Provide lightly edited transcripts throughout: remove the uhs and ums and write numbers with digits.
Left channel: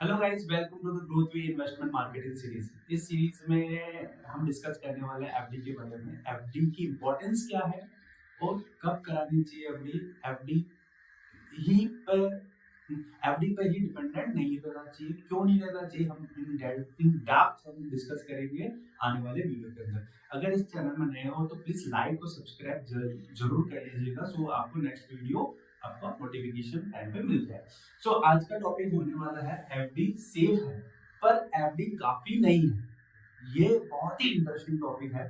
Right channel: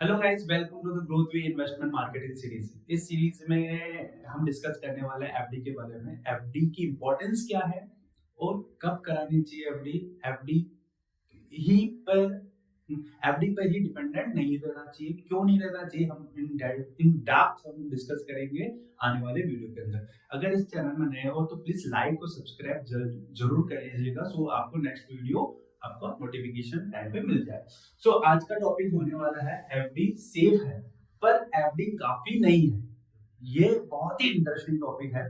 Hello guys, welcome to the growth way investment marketing series. इस series में हम discuss करने वाले हैं एफडी के बारे में। एफडी की इंपॉर्टेंस क्या है और कब करानी चाहिए एफडी। एफडी ही पर एफडी पर ही डिपेंडेंट नहीं रहना चाहिए, क्यों नहीं रहना चाहिए, हम इन डेप्थ हम डिस्कस करेंगे आने वाले वीडियो के अंदर। अगर इस चैनल में नए हो तो प्लीज लाइक और सब्सक्राइब जरूर कर लीजिएगा, सो आपको नेक्स्ट वीडियो आपका नोटिफिकेशन टाइम पे मिल जाए। सो आज का टॉपिक होने वाला है एफडी सेफ है पर एफडी काफी नहीं है। ये बहुत ही इंटरेस्टिंग टॉपिक है।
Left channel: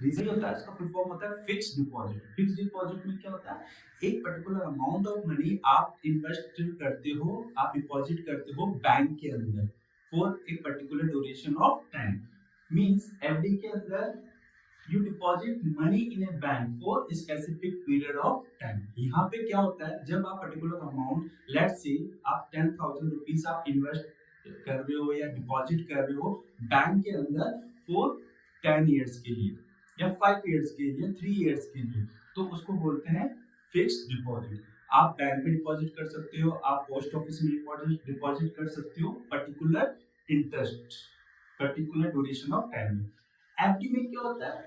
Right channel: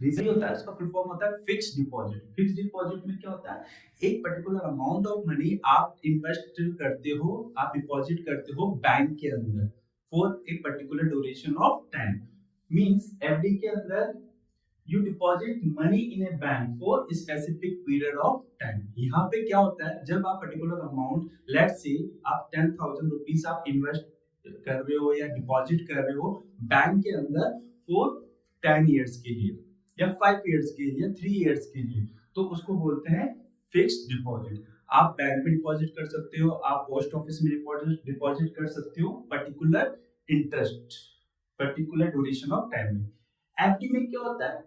रीजन होता है, इसका फुल फॉर्म होता है फिक्स्ड डिपॉजिट। फिक्स्ड डिपॉजिट में क्या होता है, एक पर्टिकुलर अमाउंट ऑफ मनी आप इन्वेस्ट करते हो, आप डिपॉजिट करते हो बैंक के अंदर for a particular duration of time. Means FD के अंदर you deposit money in A bank for specific period of time. यहाँ पे क्या होता है, जब आप पर्टिकुलर अमाउंट, लेट्स से आप 10,000 रुपीज आप इन्वेस्ट कर रहे हो या डिपॉजिट कर रहे हो बैंक के अंदर फॉर 10 इयर्स के लिए या 5 इयर्स के लिए, 3 इयर्स के लिए, तो उसको बोलते हैं फिक्स्ड डिपॉजिट। आप बैंक में डिपॉजिट कर सकते हो, आप पोस्ट ऑफिस में डिपॉजिट कर सकते हो particular interest, particular duration of time में। एफडी में क्या होता है,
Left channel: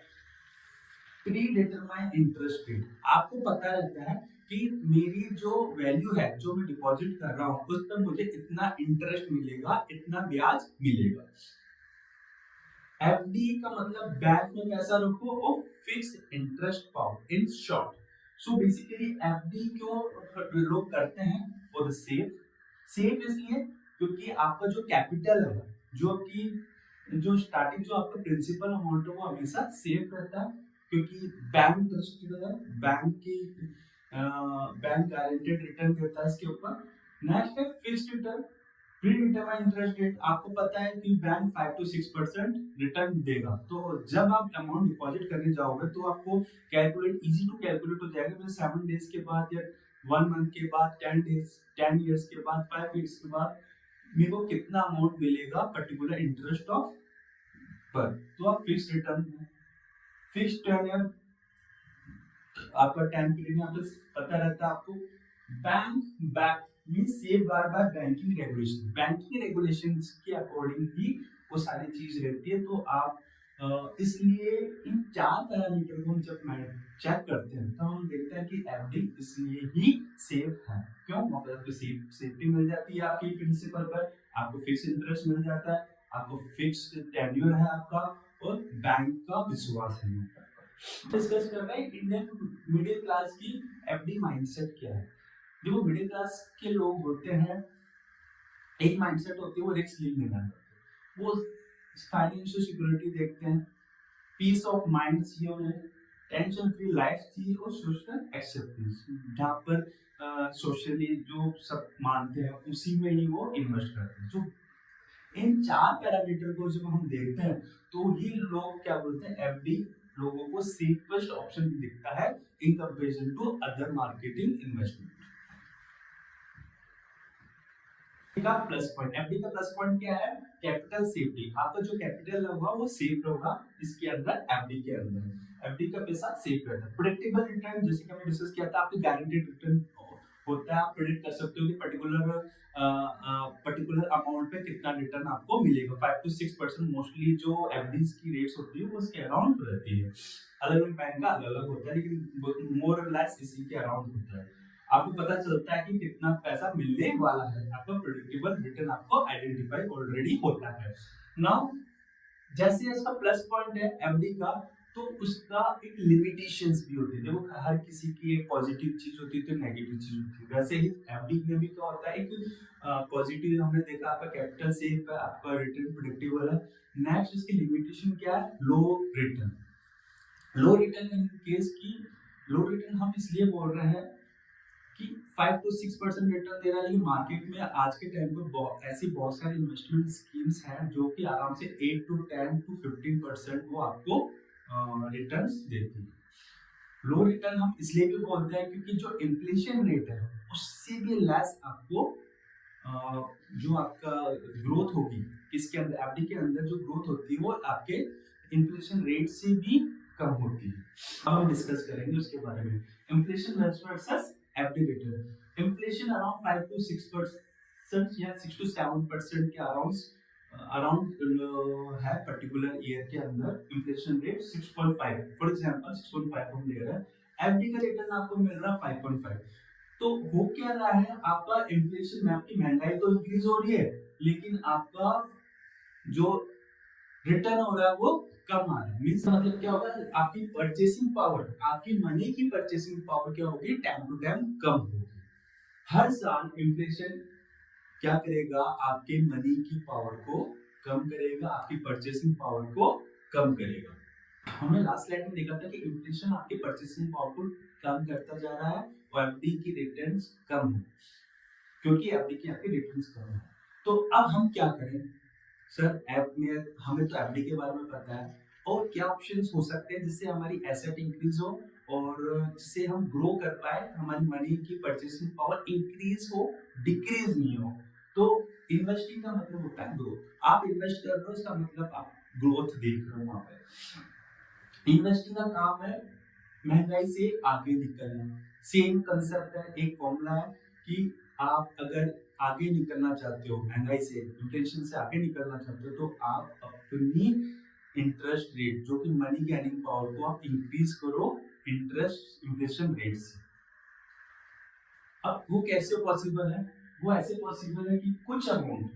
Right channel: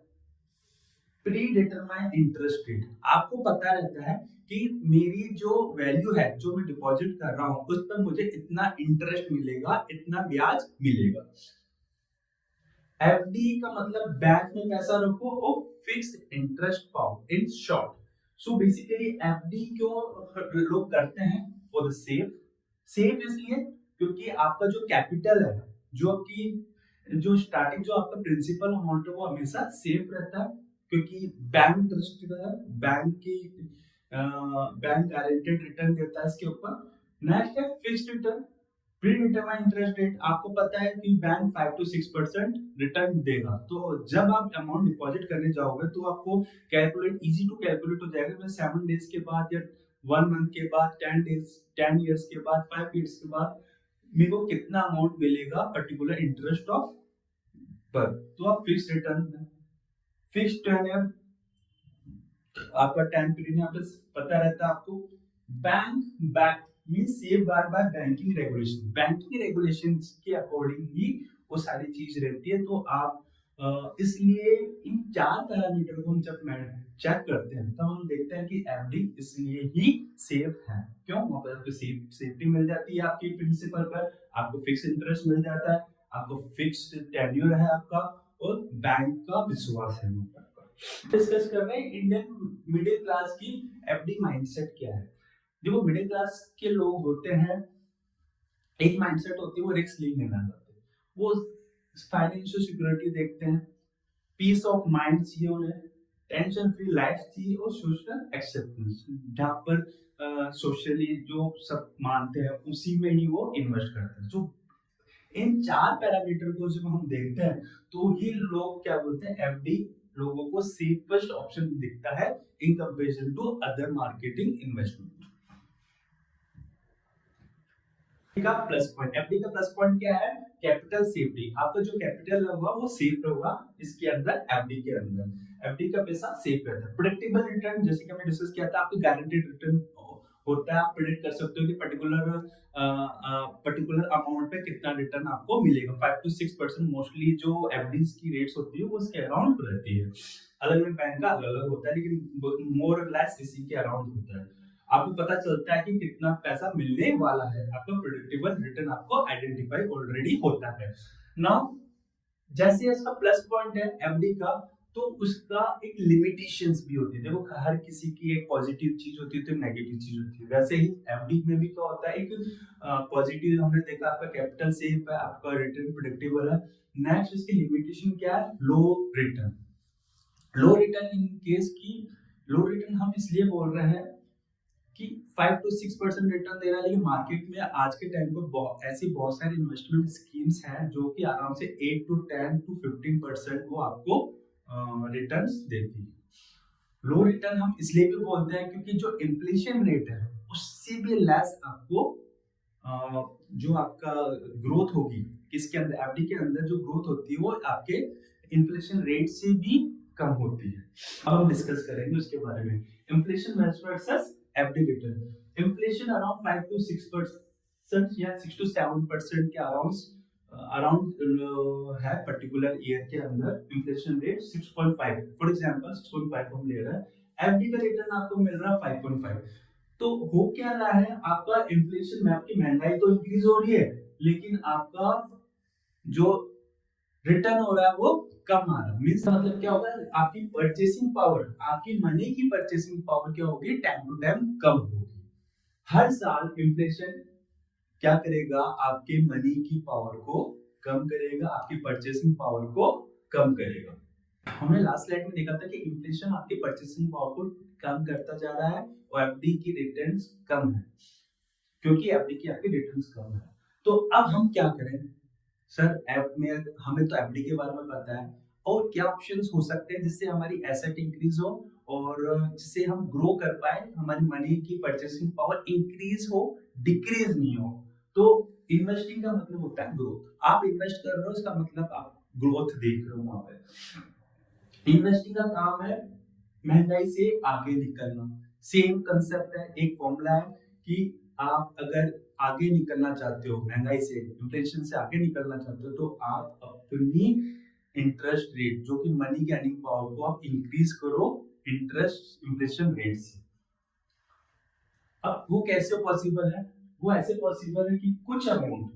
प्री डिटरमाइंड इंटरेस्ट रेट। आपको पता रहता है कि मेरी जो वैल्यू है, जो मैं डिपॉजिट कर रहा हूं, उस पर मुझे इतना इंटरेस्ट मिलेगा, इतना ब्याज मिलेगा। एफडी का मतलब बैंक में पैसा रखो और फिक्स्ड इंटरेस्ट पाओ, in short. So basically FD क्यों लोग करते हैं, फॉर द सेफ। सेफ इसलिए क्योंकि आपका जो कैपिटल है, जो आपकी जो स्टार्टिंग जो आपका प्रिंसिपल अमाउंट है, वो हमेशा सेफ रहता है, क्योंकि बैंक ट्रस्टेड है, बैंक गारंटेड रिटर्न देता है इसके ऊपर। नेक्स्ट है fixed return. Pre determined interest rate, आपको पता है कि बैंक 5 to 6% रिटर्न देगा। तो जब आप अमाउंट डिपॉजिट करने जाओगे तो आपको कैलकुलेट, इजी टू कैलकुलेट हो जाएगा। मैं 7 डेज के बाद या 1 मंथ के बाद, 10 डेज, 10 इयर्स के बाद, 5 इयर्स के बाद मेरे को कितना अमाउंट मिलेगा पर्टिकुलर इंटरेस्ट ऑफ पर। तो आप फिक्स रिटर्न, फिक्स टर्न, आपका टाइम पीरियड यहाँ पे पता रहता है आपको। Bank back means safe guard by banking regulation. Banking regulations के अकॉर्डिंग ही वो सारी चीज रहती है। तो आप इसलिए इन 4 पैरामीटर को हम जब चेक करते हैं तो हम देखते हैं कि एफडी इसलिए ही सेफ है। क्यों? वहां पर आपको सेफ्टी मिल जाती है आपके प्रिंसिपल पर, आपको फिक्स इंटरेस्ट मिल जाता है, आपको फिक्स्ड टेन्योर है आपका, और बैंक का विश्वास है। डिस्कस कर रहे हैं इंडियन मिडिल क्लास की एफडी माइंडसेट क्या है। जो मिडिल क्लास के लोग होते हैं, एक माइंडसेट होती है, वो रिस्क नहीं लेना चाहते, वो फाइनेंशियल सिक्योरिटी देखते हैं, पीस ऑफ माइंड चाहिए उन्हें, टेंशन फ्री लाइफ चाहिए, और सोशल एक्सेप्टेंस, जहाँ पर सोशली जो सब मानते हैं उसी में ही वो इन्वेस्ट करते हैं। जो इन 4 पैरामीटर को जब हम देखते हैं तो ही लोग क्या बोलते हैं, एफडी लोगों को सेफेस्ट ऑप्शन दिखता है in comparison to other marketing investment. का प्लस पॉइंट, एफडी का प्लस पॉइंट क्या है, कैपिटल सेफ्टी। आपका जो कैपिटल होगा वो सेफ होगा इसके अंदर, एफडी के अंदर। एफडी का पैसा सेफ रहता है। प्रेडिक्टेबल रिटर्न, जैसे कि हमने डिस्कस किया था, आपके गारंटेड रिटर्न होता है। आप प्रेडिक्ट कर सकते हो कि पर्टिकुलर अमाउंट पे कितना रिटर्न आपको मिलेगा। 5 to 6% मोस्टली जो एफडीज की रेट्स होती है वो इसके अराउंड रहती है। अलग अलग बैंक का अलग अलग होता है, लेकिन मोर और लेस इसी के अराउंड होता है। आपको पता चलता है कि कितना पैसा मिलने वाला है, आपका प्रेडिक्टेबल रिटर्न आपको आइडेंटिफाई ऑलरेडी होता है। नाउ जैसे इसका प्लस पॉइंट है एफडी का, तो उसका एक लिमिटेशंस भी होती है। देखो, हर किसी की एक पॉजिटिव चीज होती है तो नेगेटिव चीज होती है, वैसे ही एफडी में भी क्या होता है, एक पॉजिटिव हमने देखा, आपका कैपिटल सेफ है, आपका रिटर्न प्रेडिक्टेबल है। नेक्स्ट इसकी लिमिटेशन क्या है, low return. Low return in case की, लो रिटर्न हम इसलिए बोल रहे हैं कि 5 to 6% रिटर्न दे रहा है, लेकिन मार्केट में आज के टाइम पर ऐसी बहुत सारी इन्वेस्टमेंट स्कीम्स हैं जो कि आराम से 8 to 10 to 15% वो आपको रिटर्न्स देती है। लो रिटर्न हम इसलिए भी बोलते हैं क्योंकि जो इन्फ्लेशन रेट है उससे भी लेस आपको जो आपका ग्रोथ होगी, किसके अंदर, एफडी के अंदर जो ग्रोथ होती है वो आपके इन्फ्लेशन रेट से भी कम होती है। अब हम डिस्कस करेंगे उसके बारे में। Inflation versus FD return. Inflation around 5 to 6% 6 या 6 to 7% के अराउंड है पर्टिकुलर ईयर के अंदर इन्फ्लेशन रेट 6.5, फॉर एग्जांपल 6.5 हम ले रहे हैं, एफडी का रिटर्न आपको मिल रहा है 5.5। तो हो क्या रहा है, आपका इन्फ्लेशन में आपकी महंगाई तो इंक्रीज हो रही है, लेकिन आपका जो रिटर्न हो रहा है वो कम आ रहा है। मींस मतलब क्या होगा, आपकी परचेसिंग पावर, आपकी मनी की परचेसिंग पावर क्या होगी, टाइम टू टाइम कम होगी। हर साल इन्फ्लेशन क्या करेगा, आपके मनी की पावर को कम करेगा, आपकी परचेसिंग पावर को कम करेगा। हमने लास्ट स्लाइड में देखा था कि इन्फ्लेशन आपकी परचेसिंग पावर को कम करता जा रहा है और एफडी की रिटर्न्स कम है, क्योंकि एफडी की आपकी रिटर्न्स कम है। तो अब हम क्या करें सर, ऐप में हमें तो एफडी के बारे में पता है, और क्या ऑप्शंस हो सकते हैं जिससे हमारी एसेट इंक्रीज हो और जिससे हम ग्रो कर पाए, हमारी मनी की परचेसिंग पावर इंक्रीज हो, डिक्रीज नहीं हो। तो इन्वेस्टिंग का मतलब होता है ग्रोथ। आप इन्वेस्ट कर रहे हो, इसका मतलब आप ग्रोथ देख रहे हो वहां पे। इन्वेस्टिंग का काम है महंगाई से आगे निकलना। सेम कंसेप्ट है, एक फॉर्मूला है कि आप अगर आगे निकलना चाहते हो, महंगाई से, इन्फ्लेशन से आगे निकलना चाहते हो, तो आप अपनी इंटरेस्ट रेट, जो कि मनी की अर्निंग पावर को आप इंक्रीज करो इंटरेस्ट इन्फ्लेशन रेट से। अब वो कैसे पॉसिबल है, वो ऐसे पॉसिबल है कि कुछ अमाउंट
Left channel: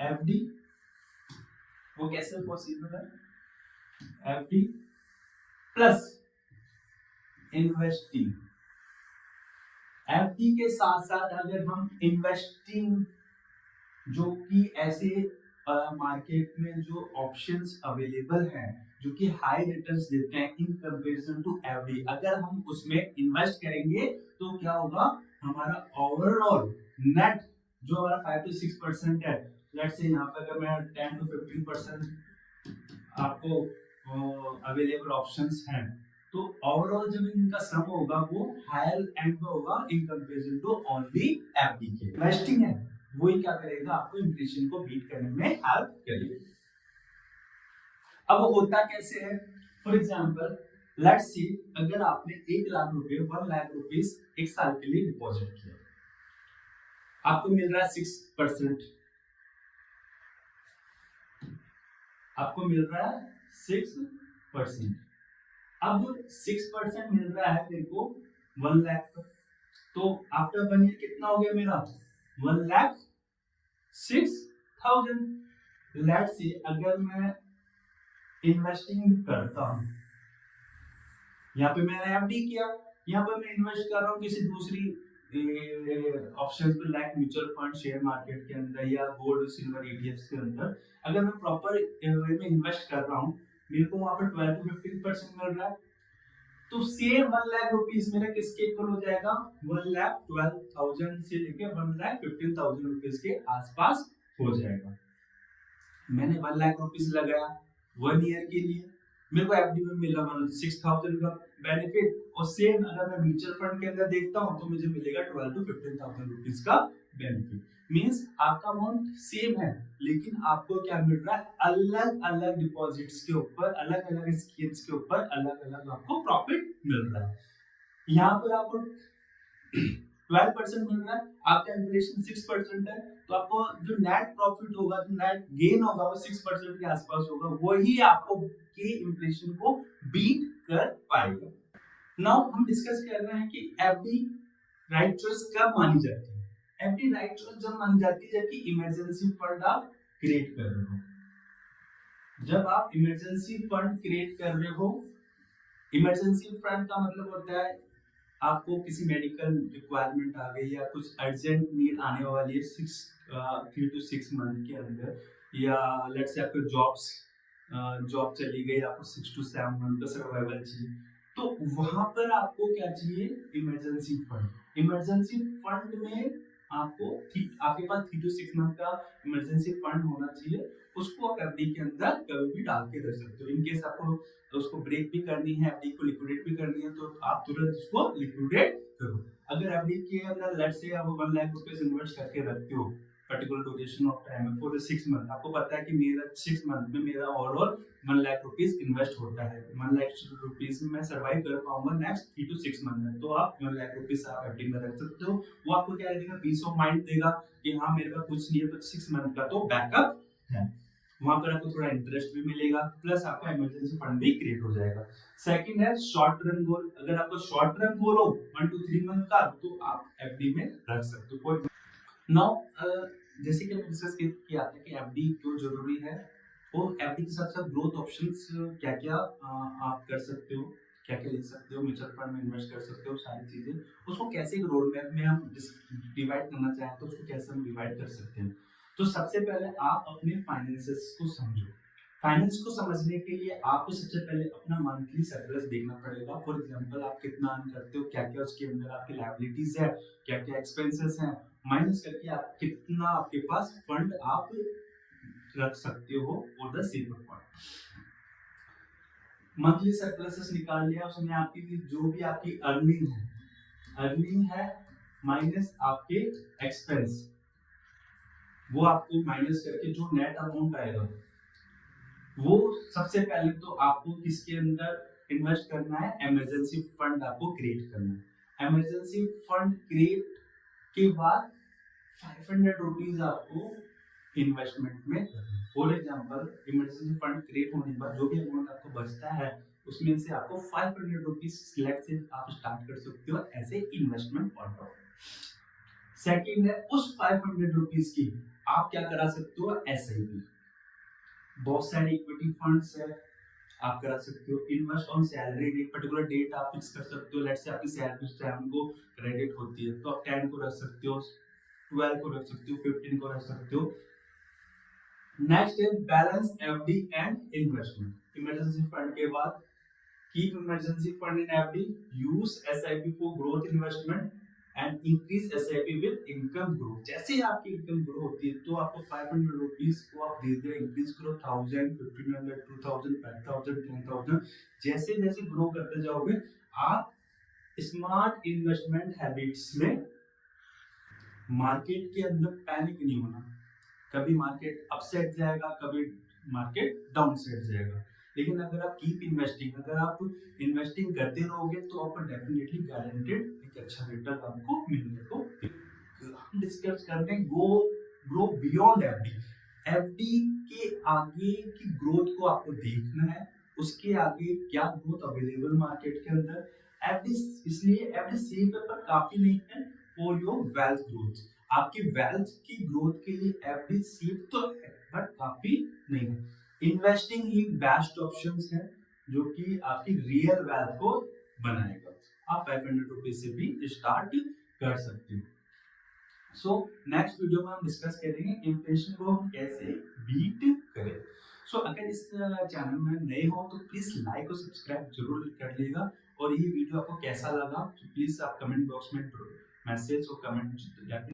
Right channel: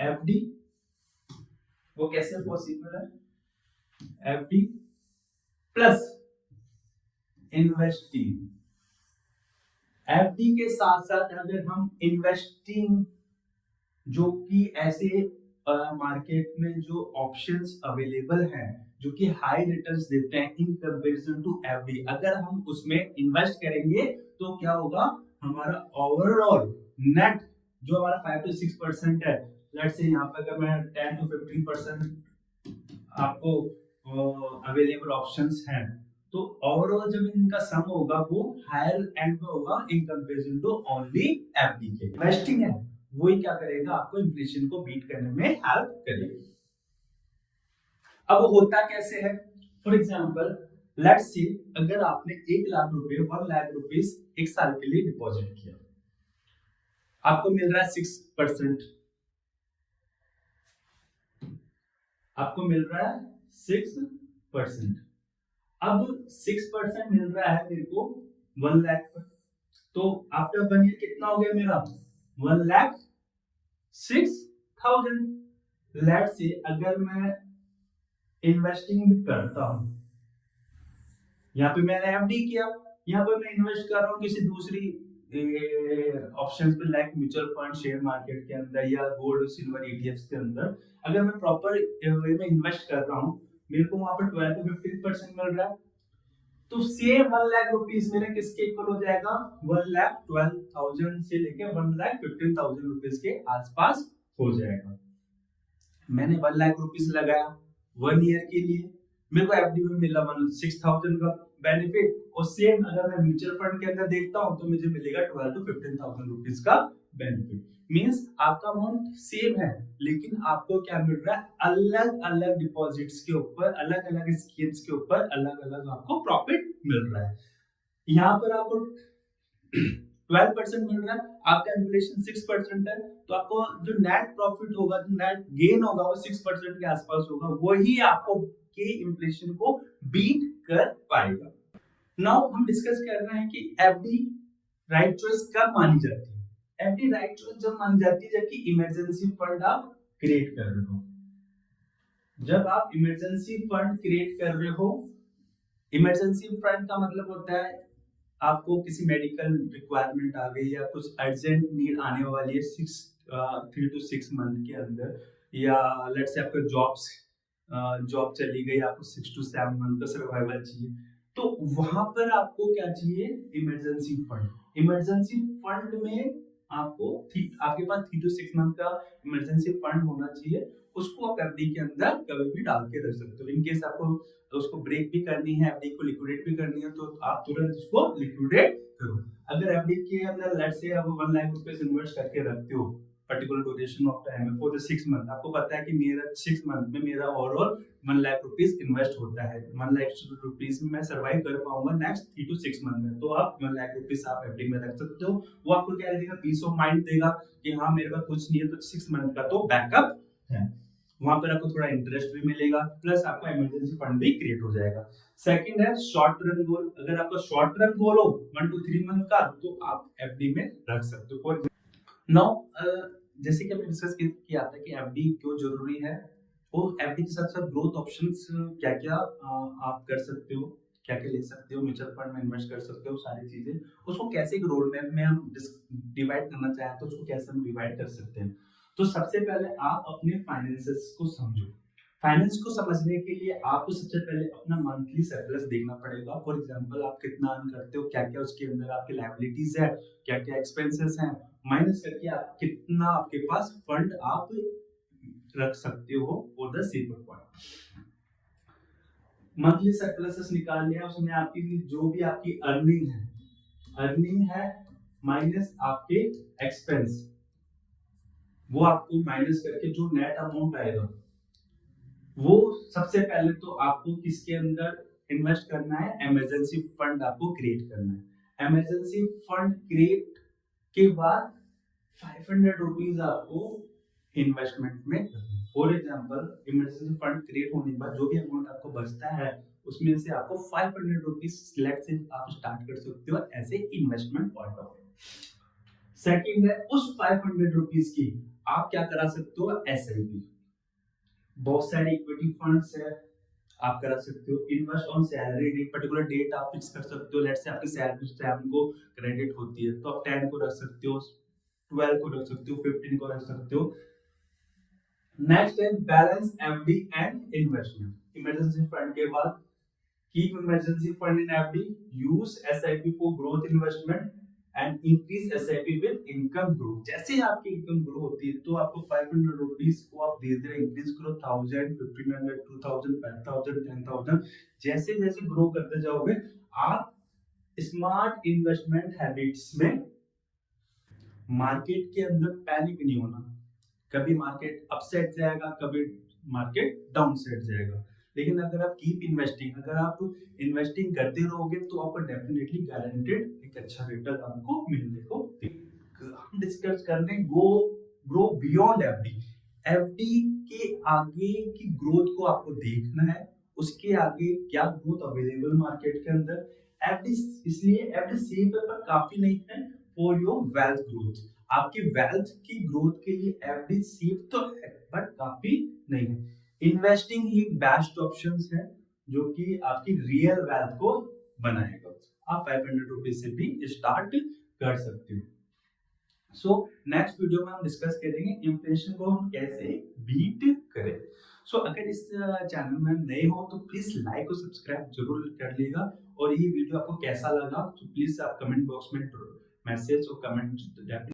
एफडी, वो कैसे पॉसिबल है, एफडी प्लस इन्वेस्टिंग। एफडी के साथ साथ अगर हम इन्वेस्टिंग, जो कि ऐसे मार्केट में जो ऑप्शंस अवेलेबल हैं जो कि हाई रिटर्न्स देते हैं इन कंपैरिजन टू एफडी, अगर हम उसमें इन्वेस्ट करेंगे तो क्या होगा, हमारा ओवरऑल नेट जो हमारा 5 to 6% है, लेट्स से यहाँ पे अगर मैं 10 to 15% आपको अवेलेबल ऑप्शंस हैं, तो ओवरऑल जब इनका सम होगा वो हायर एंड पे होगा in comparison to only FD के। इन्वेस्टिंग है वही क्या करेगा, आपको इन्फ्लेशन को बीट करने में हेल्प करेगा। अब वो होता कैसे है, फॉर एग्जांपल लेट्स सी अगर आपने 1 लाख रुपए 1 लाख रुपीस एक साल के लिए डिपॉजिट किया, आपको मिल रहा है 6%, आपको मिल रहा है 6%। अब 6% मिल रहा है मेरे को 1 लाख पर, तो आफ्टर 1 ईयर कितना हो गया मेरा, 1,06,000। लेट्स से अगर मैं इन्वेस्टिंग करता हूं, यहाँ पे मैंने एफडी किया, यहाँ पे मैं इन्वेस्ट कर रहा हूँ किसी दूसरी ऑप्शंस पे, like mutual fund, share market के अंदर या गोल्ड सिल्वर ईटीएफ्स के अंदर। अगर मैं प्रॉपर वे में इन्वेस्ट कर रहा हूँ, मेरे को वहां पर 12 to 15% मिल रहा है, तो सेम 1 लाख रुपीस मेरे किसके इक्वल हो जाएगा, 1,12,000 से लेके 1,15,000 रुपीस के आसपास हो जाएगा। मैंने 1 लाख रुपीस लगाया 1 ईयर के लिए, मेरे को एफडी में मिला 6,000 का बेनिफिट, और सेम अगर मैं म्यूचुअल फंड के अंदर देखता हूं तो मुझे मिलेगा 12 to 15,000 रुपीस का बेनिफिट। मींस आपका अमाउंट सेम है, लेकिन आपको क्या मिल रहा है, अलग अलग डिपॉजिट्स के ऊपर, अलग अलग स्कीम्स के ऊपर अलग अलग आपको प्रॉफिट मिल रहा है। यहाँ पर आपको 12% मिल रहा है, आपका इन्फ्लेशन 6% है, तो आपको जो नेट प्रॉफिट होगा, जो नेट गेन होगा वो 6% के आसपास होगा, वही आपको के इन्फ्लेशन को बीट कर पाएगा। नाउ हम डिस्कस कर रहे हैं कि एफडी राइट चॉइस कब मानी जाती है। एफडी राइट चॉइस जब मानी जाती है जबकि इमरजेंसी फंड आप क्रिएट कर रहे हो। जब आप इमरजेंसी फंड क्रिएट कर रहे हो, इमरजेंसी फंड का मतलब होता है आपको किसी मेडिकल रिक्वायरमेंट आ गई या कुछ अर्जेंट नीड आने वाली है 3 to 6 मंथ के अंदर, या लेट्स से आपका जॉब चली गई, आपको 6 to 7 मंथ का सर्वाइवल चाहिए, तो वहां पर आपको क्या चाहिए, इमरजेंसी फंड। इमरजेंसी फंड में आपको आपके पास 3 to 6 मंथ का इमरजेंसी फंड होना चाहिए, उसको आप एफडी के अंदर कभी भी डाल के रख सकते हो। इन केस आपको तो उसको ब्रेक भी करनी है, एफडी को लिक्विडेट भी करनी है, तो आप तुरंत उसको लिक्विडेट करो। अगर एफडी के अंदर लेट्स से आप 1 लाख रुपए इन्वेस्ट करके रखते हो पर्टिकुलर ड्यूरेशन ऑफ टाइम है फॉर द 6 मंथ। आपको पता है कि मेरा 6 मंथ में मेरा ओवरऑल 1 लाख रुपीस इन्वेस्ट होता है। 1 लाख रुपीस में मैं सर्वाइव कर पाऊंगा नेक्स्ट 3 टू 6 मंथ में। तो आप 1 लाख रुपीस आप एफडी में रख सकते हो। वो आपको क्या देगा, पीस ऑफ माइंड देगा कि हाँ मेरे पास कुछ नहीं है तो 6 मंथ का तो बैकअप है। वहां पर आपको थोड़ा इंटरेस्ट भी मिलेगा, प्लस आपका इमरजेंसी फंड भी क्रिएट हो जाएगा। सेकंड है शॉर्ट टर्म गोल। अगर आपका शॉर्ट टर्म गोल हो 1 टू 3 मंथ का, तो आप एफडी में रख सकते हो। नाउ जैसे कि हमने डिस्कस किया था कि एफडी क्यों जरूरी है, और एफडी के साथ साथ ग्रोथ ऑप्शंस क्या क्या आप कर सकते हो, क्या क्या ले सकते हो, म्यूचुअल फंड में इन्वेस्ट कर सकते हो, सारी चीजें उसको कैसे एक रोड मैप में हम डिवाइड करना चाहें तो उसको कैसे हम डिवाइड कर सकते हैं। तो सबसे पहले आप अपने फाइनेंसेस को समझो। फाइनेंस को समझने के लिए आपको सबसे पहले अपना मंथली सरप्लस देखना पड़ेगा। फॉर एग्जांपल आप कितना अर्न करते हो, क्या क्या उसके अंदर आपकी लायबिलिटीज है, क्या क्या एक्सपेंसेस हैं, माइनस करके आप कितना आपके पास फंड आप रख सकते हो for the save point. Monthly surpluses निकाल लिया, उसमें आपकी जो भी आपकी अर्निंग है माइनस आपके एक्सपेंस, वो आपको माइनस करके जो नेट अमाउंट आएगा वो सबसे पहले तो आपको किसके अंदर इन्वेस्ट करना है, इमरजेंसी फंड आपको क्रिएट करना है। इमरजेंसी फंड क्रिएट के बाद 500 रुपीज आपको इन्वेस्टमेंट में। For example emergency fund create होने के बाद जो भी अमाउंट आपको बचता है उसमें से आपको 500 रुपीज सिलेक्ट से आप स्टार्ट कर सकते हो as a investment point of. Second है उस 500 रुपीज की आप क्या करा सकते हो, एसआईपी। बहुत सारे इक्विटी फंड्स है, आप करा सकते हो। Invest on salary date, particular date आप फिक्स कर सकते हो। लेट्स से आपकी सैलरी 7 को क्रेडिट होती है तो आप 10 को रख सकते हो, 12 को रख सकते हो, 15 को रख सकते हो। नेक्स्ट है balance FD and investment. Emergency fund के बाद keep emergency fund in FD, use SIP for growth investment and increase SIP with income growth. जैसे ही आपकी इनकम ग्रो होती है तो आपको 500 रुपीस को आप धीरे धीरे इंक्रीज करो, 1000, 1500, 2000, 5000, 10000। जैसे जैसे ग्रो करते जाओगे आप स्मार्ट इन्वेस्टमेंट हैबिट्स में। मार्केट के अंदर पैनिक नहीं होना, कभी मार्केट अपसेट जाएगा, कभी मार्केट डाउन सेट जाएगा। लेकिन अगर आप कीप इन्वेस्टिंग, अगर आप इन्वेस्टिंग करते रहोगे तो आपको डेफिनेटली गारंटेड एक अच्छा रिटर्न आपको मिलने को। हम डिस्कस करने ग्रो बियॉन्ड एफडी। एफडी के आगे की ग्रोथ को आपको देखना है, उसके आगे क्या ग्रोथ अवेलेबल मार्केट के अंदर। एफडी इसलिए एफडी सेफ है पर काफी नहीं है फॉर योर वेल्थ ग्रोथ। आपकी वेल्थ की ग्रोथ के लिए एफडी सेफ तो है बट काफी नहीं है। इन्वेस्टिंग ही बेस्ट ऑप्शंस है जो कि आपकी रियल वेल्थ को बनाएगा। आप 500 रुपीज से भी स्टार्ट कर सकते हो। सो नेक्स्ट वीडियो में हम डिस्कस करेंगे इन्फ्लेशन को हम कैसे बीट करें। सो अगर इस चैनल में नए हो तो प्लीज लाइक और सब्सक्राइब जरूर कर लीजिएगा। और ये वीडियो आपको कैसा लगा तो प्लीज आप कमेंट बॉक्स में मैसेज और कमेंट